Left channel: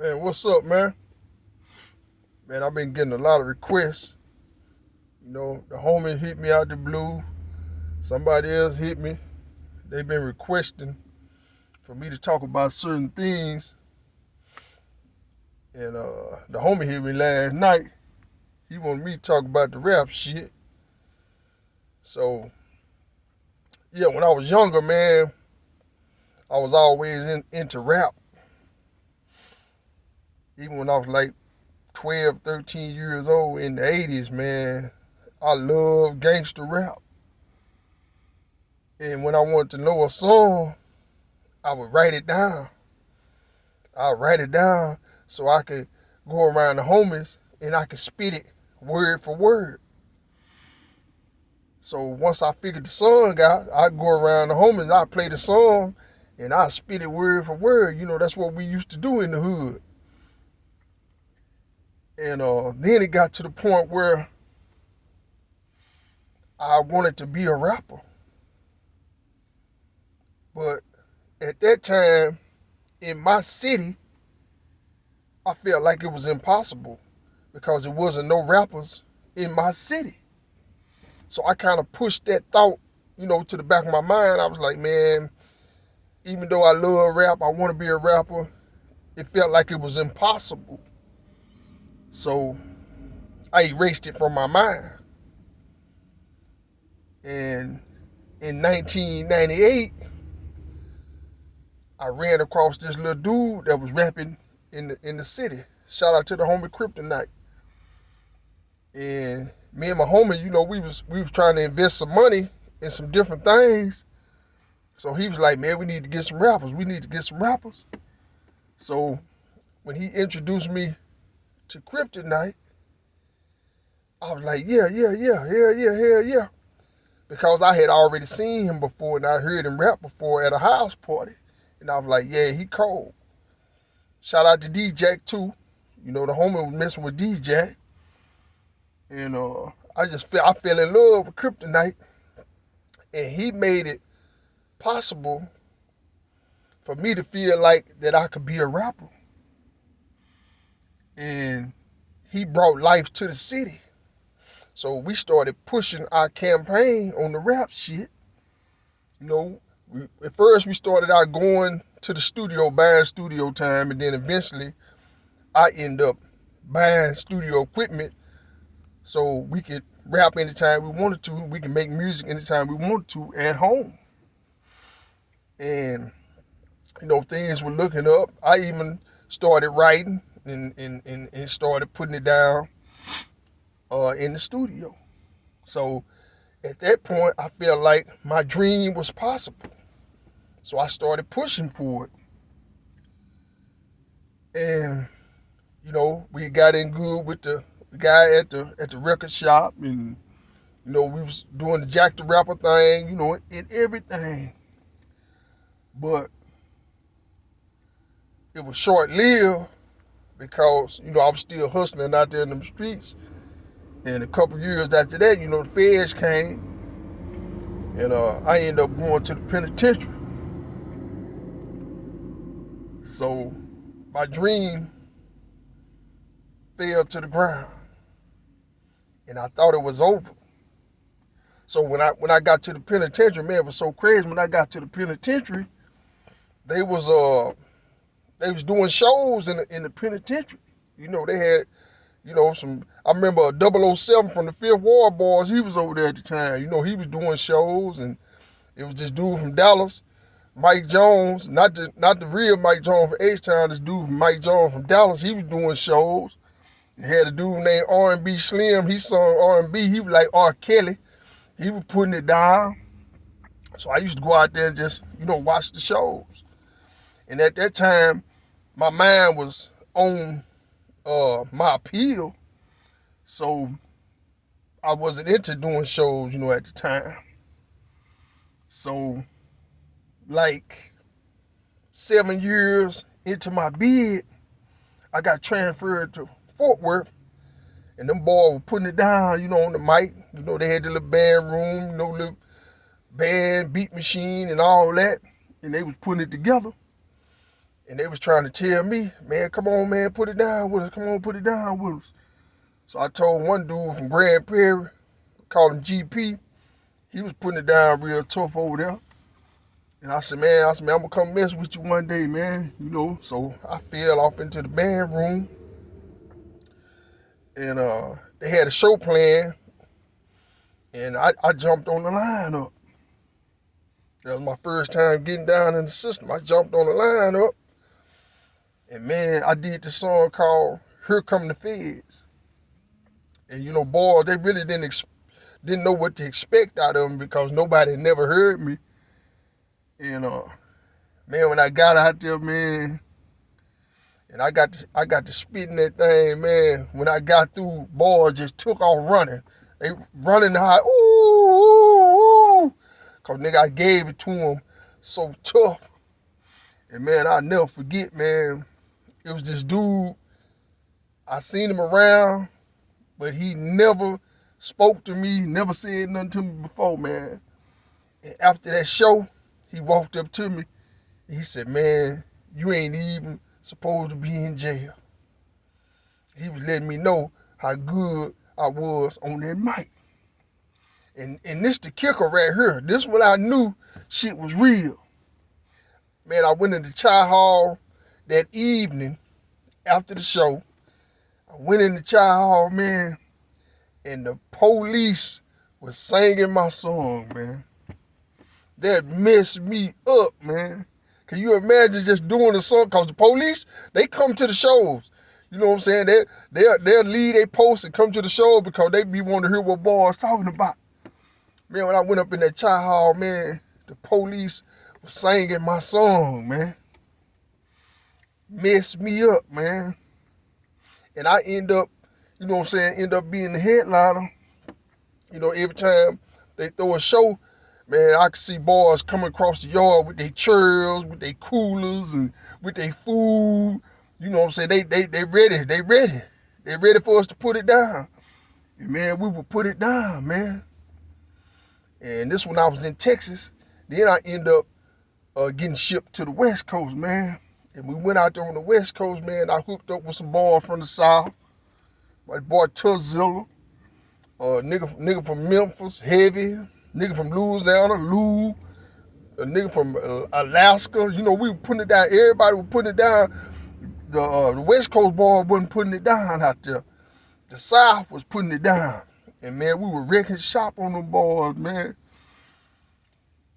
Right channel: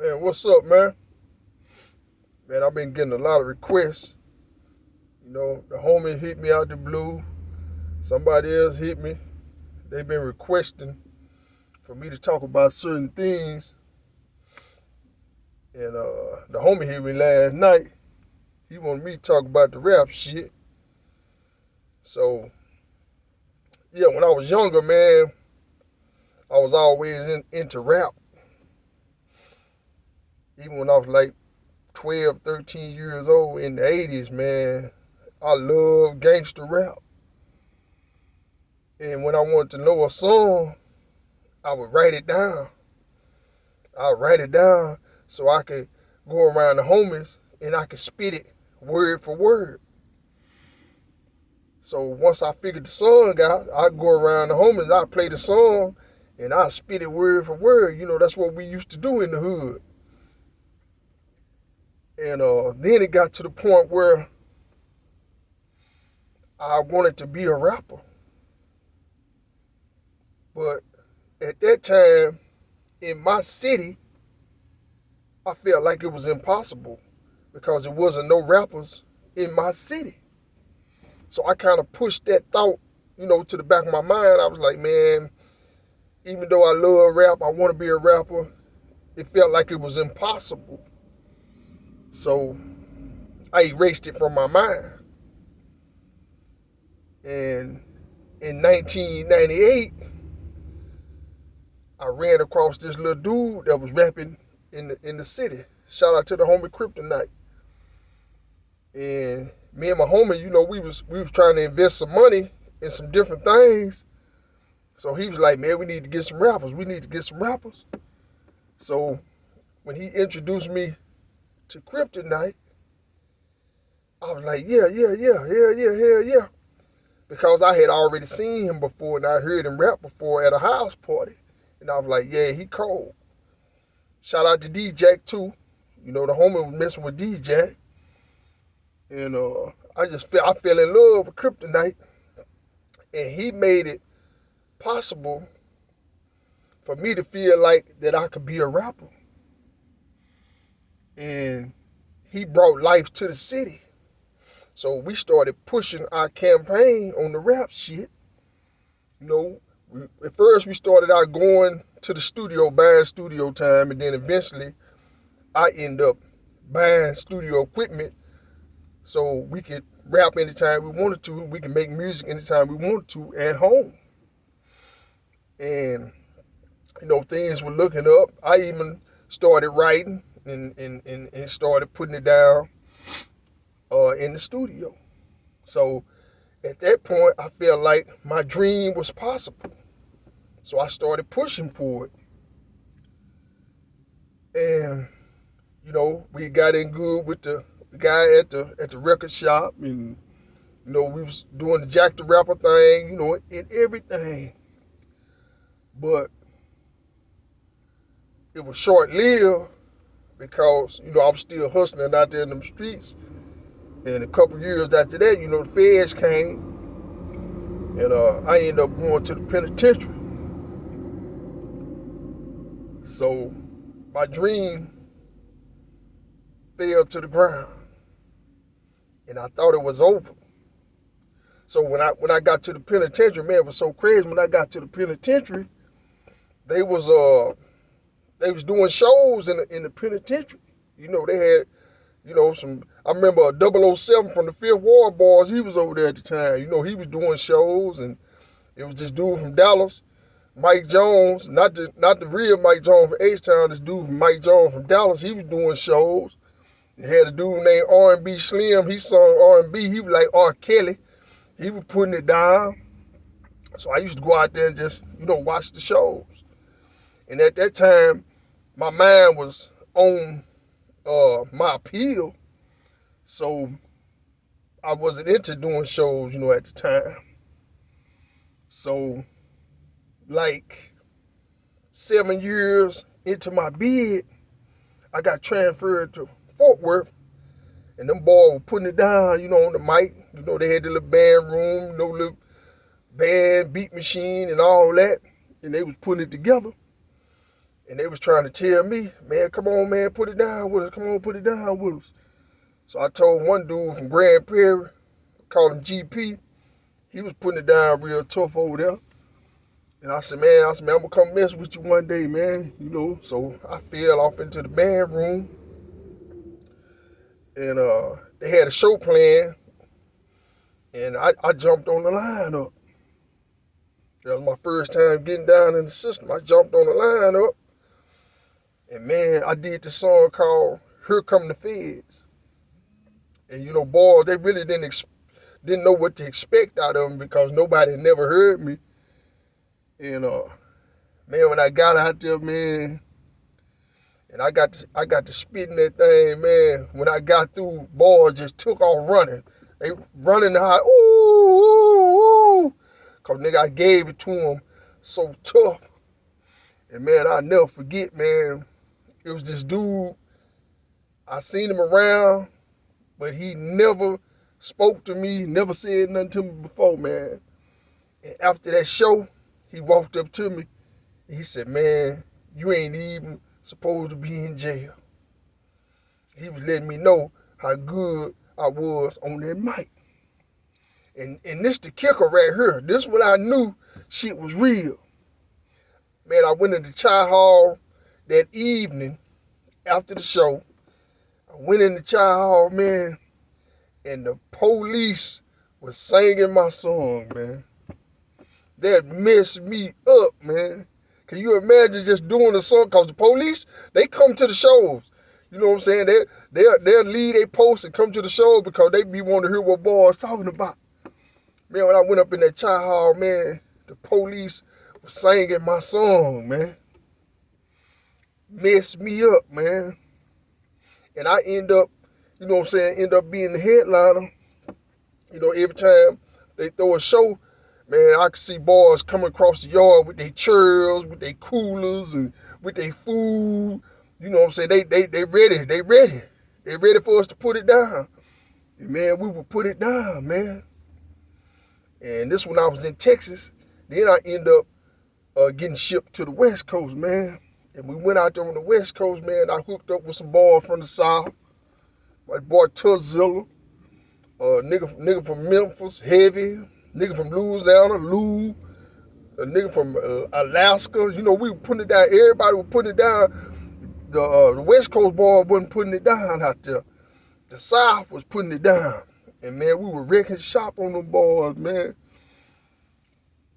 Man, what's up, man? Man, I've been getting a lot of requests. The homie hit me out the blue. Somebody else hit me. They've been requesting for me to talk about certain things. And the homie hit me last night. He wanted me to talk about the rap shit. So, yeah, when I was younger, man, I was always into rap. Even when I was like 12, 13 years old in the 80s, man, I loved gangster rap. And when I wanted to know a song, I would write it down. I'd write it down so I could go around the homies and I could spit it word for word. So once I figured the song out, I'd go around the homies, I'd play the song, and I'd spit it word for word. That's what we used to do in the hood. And then it got to the point where I wanted to be a rapper. But at that time, in my city, I felt like it was impossible because there wasn't no rappers in my city. So I kind of pushed that thought, to the back of my mind. I was like, man, even though I love rap, I want to be a rapper, it felt like it was impossible. So I erased it from my mind. And in 1998, I ran across this little dude that was rapping in the city. Shout out to the homie Kryptonite. And me and my homie, we was trying to invest some money in some different things. So he was like, man, we need to get some rappers. We need to get some rappers. So when he introduced me to Kryptonite, I was like, yeah. Because I had already seen him before and I heard him rap before at a house party. And I was like, yeah, he cold. Shout out to D-Jack too. The homie was messing with D-Jack. And I fell in love with Kryptonite. And he made it possible for me to feel like that I could be a rapper. And he brought life to the city. So we started pushing our campaign on the rap shit. At first we started out going to the studio, buying studio time, and then eventually I end up buying studio equipment so we could rap anytime we wanted to. We can make music anytime we wanted to at home. And, things were looking up. I even started writing and started putting it down in the studio. So at that point, I felt like my dream was possible. So I started pushing for it. And, we got in good with the guy at the record shop, and, we was doing the Jack the Rapper thing, and everything. But it was short-lived because, I was still hustling out there in them streets. And a couple years after that, the feds came, and I ended up going to the penitentiary. So my dream fell to the ground, and I thought it was over. So when I got to the penitentiary, man, it was so crazy. When I got to the penitentiary, they was doing shows in the penitentiary. They had some. I remember a 007 from the Fifth Ward Boys. He was over there at the time. He was doing shows, and it was this dude from Dallas, Mike Jones, not the real Mike Jones from H-Town. This dude from Mike Jones from Dallas. He was doing shows. They had a dude named R&B Slim. He sung R&B. He was like R. Kelly. He was putting it down. So I used to go out there and just watch the shows. And at that time, my mind was on my appeal. So I wasn't into doing shows, at the time. So like 7 years into my bid, I got transferred to Fort Worth, and them boys were putting it down, on the mic. They had the little band room, little band beat machine and all that, and they was putting it together. And they was trying to tell me, man, come on, man, put it down with us. Come on, put it down with us. So I told one dude from Grand Prairie, called him GP, he was putting it down real tough over there. And I said, man, I'm gonna come mess with you one day, man. You know, so I fell off into the band room. And they had a show planned. And I jumped on the lineup. That was my first time getting down in the system. I jumped on the lineup. And man, I did this song called Here Come the Feds. And you know, boys, they really didn't know what to expect out of them because nobody had never heard me. And man, when I got out there, man, and I got to spitting that thing, man, when I got through, boys just took off running. They running high, ooh, ooh, ooh. Cause nigga, I gave it to them so tough. And man, I'll never forget, man, it was this dude, I seen him around, but he never spoke to me, never said nothing to me before, man. And after that show, he walked up to me and he said, man, you ain't even supposed to be in jail. He was letting me know how good I was on that mic. And this the kicker right here. This when I knew shit was real. Man, I went into Chai Hall that evening after the show. I went into Chai Hall, man, and the police was singing my song, man. That messed me up, man. Can you imagine just doing a song? Because the police, they come to the shows. You know what I'm saying? They'll lead a post and come to the show because they be wanting to hear what boys talking about. Man, when I went up in that Chai Hall, man, the police was singing my song, man. Messed me up, man. And I end up, you know what I'm saying, end up being the headliner. You know, every time they throw a show, man, I could see boys coming across the yard with their chairs, with their coolers, and with their food. You know what I'm saying? They ready. They ready. They ready for us to put it down. And man, we would put it down, man. And this when I was in Texas. Then I end up getting shipped to the West Coast, man. And we went out there on the West Coast, man. I hooked up with some boys from the South. My boy Tuzzilla, nigga from Memphis, Heavy, nigga from Louisiana, Lou, a nigga from Alaska. You know, we were putting it down. Everybody was putting it down. The West Coast boy wasn't putting it down out there. The South was putting it down. And man, we were wrecking shop on them boys, man.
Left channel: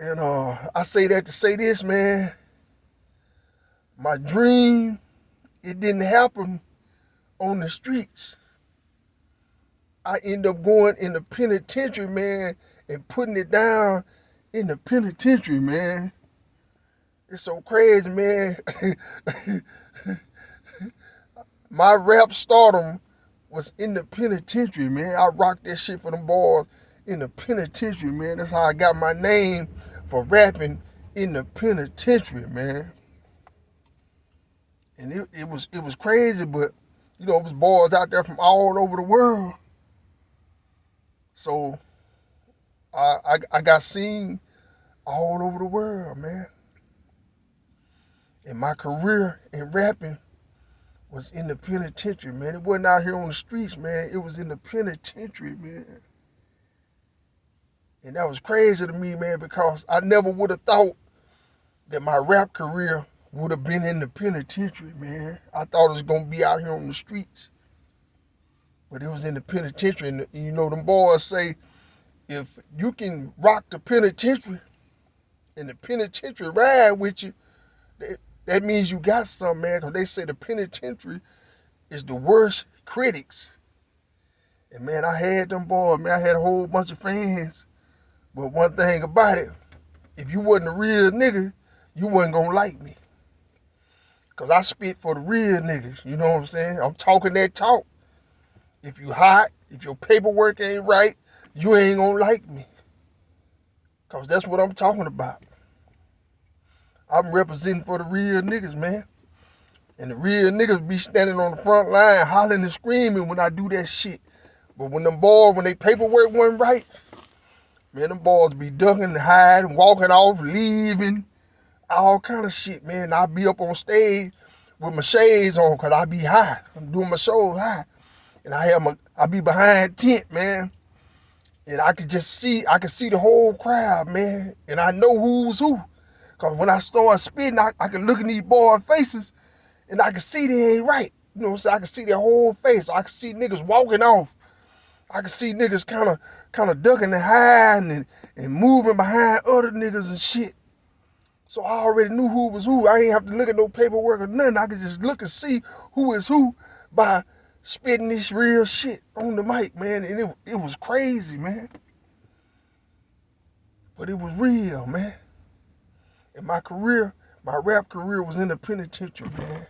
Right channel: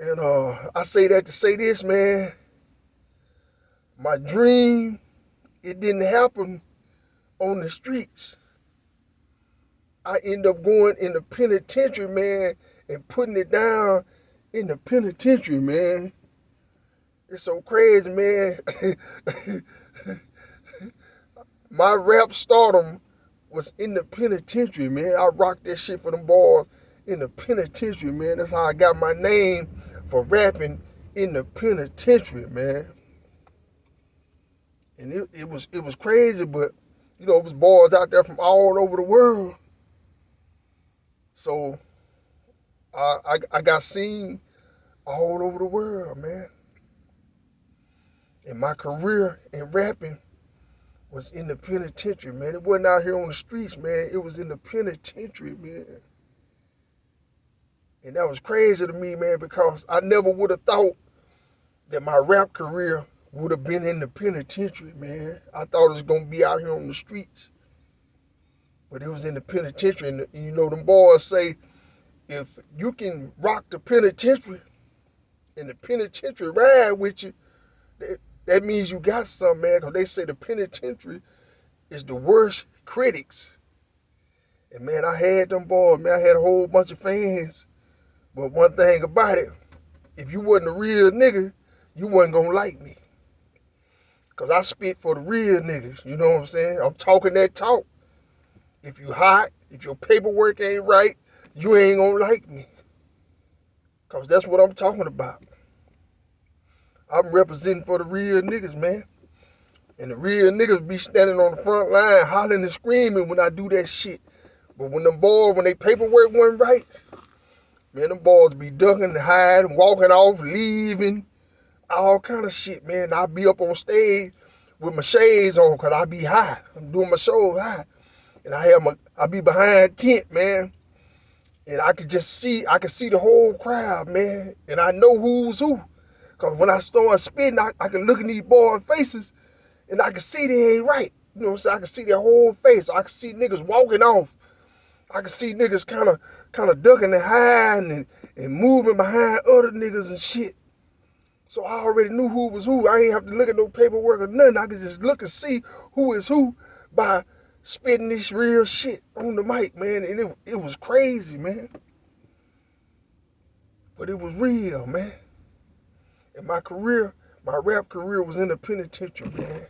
And I say that to say this, man. My dream, it didn't happen on the streets. I end up going in the penitentiary, man, and putting it down in the penitentiary, man. It's so crazy, man. My rap stardom was in the penitentiary, man. I rocked that shit for them boys in the penitentiary, man. That's how I got my name for rapping in the penitentiary, man. And it was crazy, but you know, it was boys out there from all over the world. So I got seen all over the world, man. And my career in rapping was in the penitentiary, man. It wasn't out here on the streets, man. It was in the penitentiary, man. And that was crazy to me, man, because I never would have thought that my rap career would have been in the penitentiary, man. I thought it was going to be out here on the streets. But it was in the penitentiary. And you know, them boys say, if you can rock the penitentiary and the penitentiary ride with you, that means you got something, man, because they say the penitentiary is the worst critics. And man, I had them boys, man. I had a whole bunch of fans. But one thing about it, if you wasn't a real nigga, you wasn't gonna like me. Because I spit for the real niggas, you know what I'm saying? I'm talking that talk. If you hot, if your paperwork ain't right, you ain't gonna like me. Because that's what I'm talking about. I'm representing for the real niggas, man. And the real niggas be standing on the front line hollering and screaming when I do that shit. But when them boys, when they paperwork wasn't right, man, them boys be ducking and hiding, walking off, leaving. all kind of shit, man. I be up on stage with my shades on because I be high. I'm doing my shows high. And I be behind tent, man. And I could see the whole crowd, man. And I know who's who. Because when I start spitting, I can look in these boys' faces and I can see they ain't right. You know what I'm saying? I can see their whole face. I can see niggas walking off. I can see niggas kind of ducking and hiding and moving behind other niggas and shit. So I already knew who was who. I ain't have to look at no paperwork or nothing. I could just look and see who is who by spitting this real shit on the mic, man. And it was crazy, man. But it was real, man. And my rap career was in the penitentiary, man.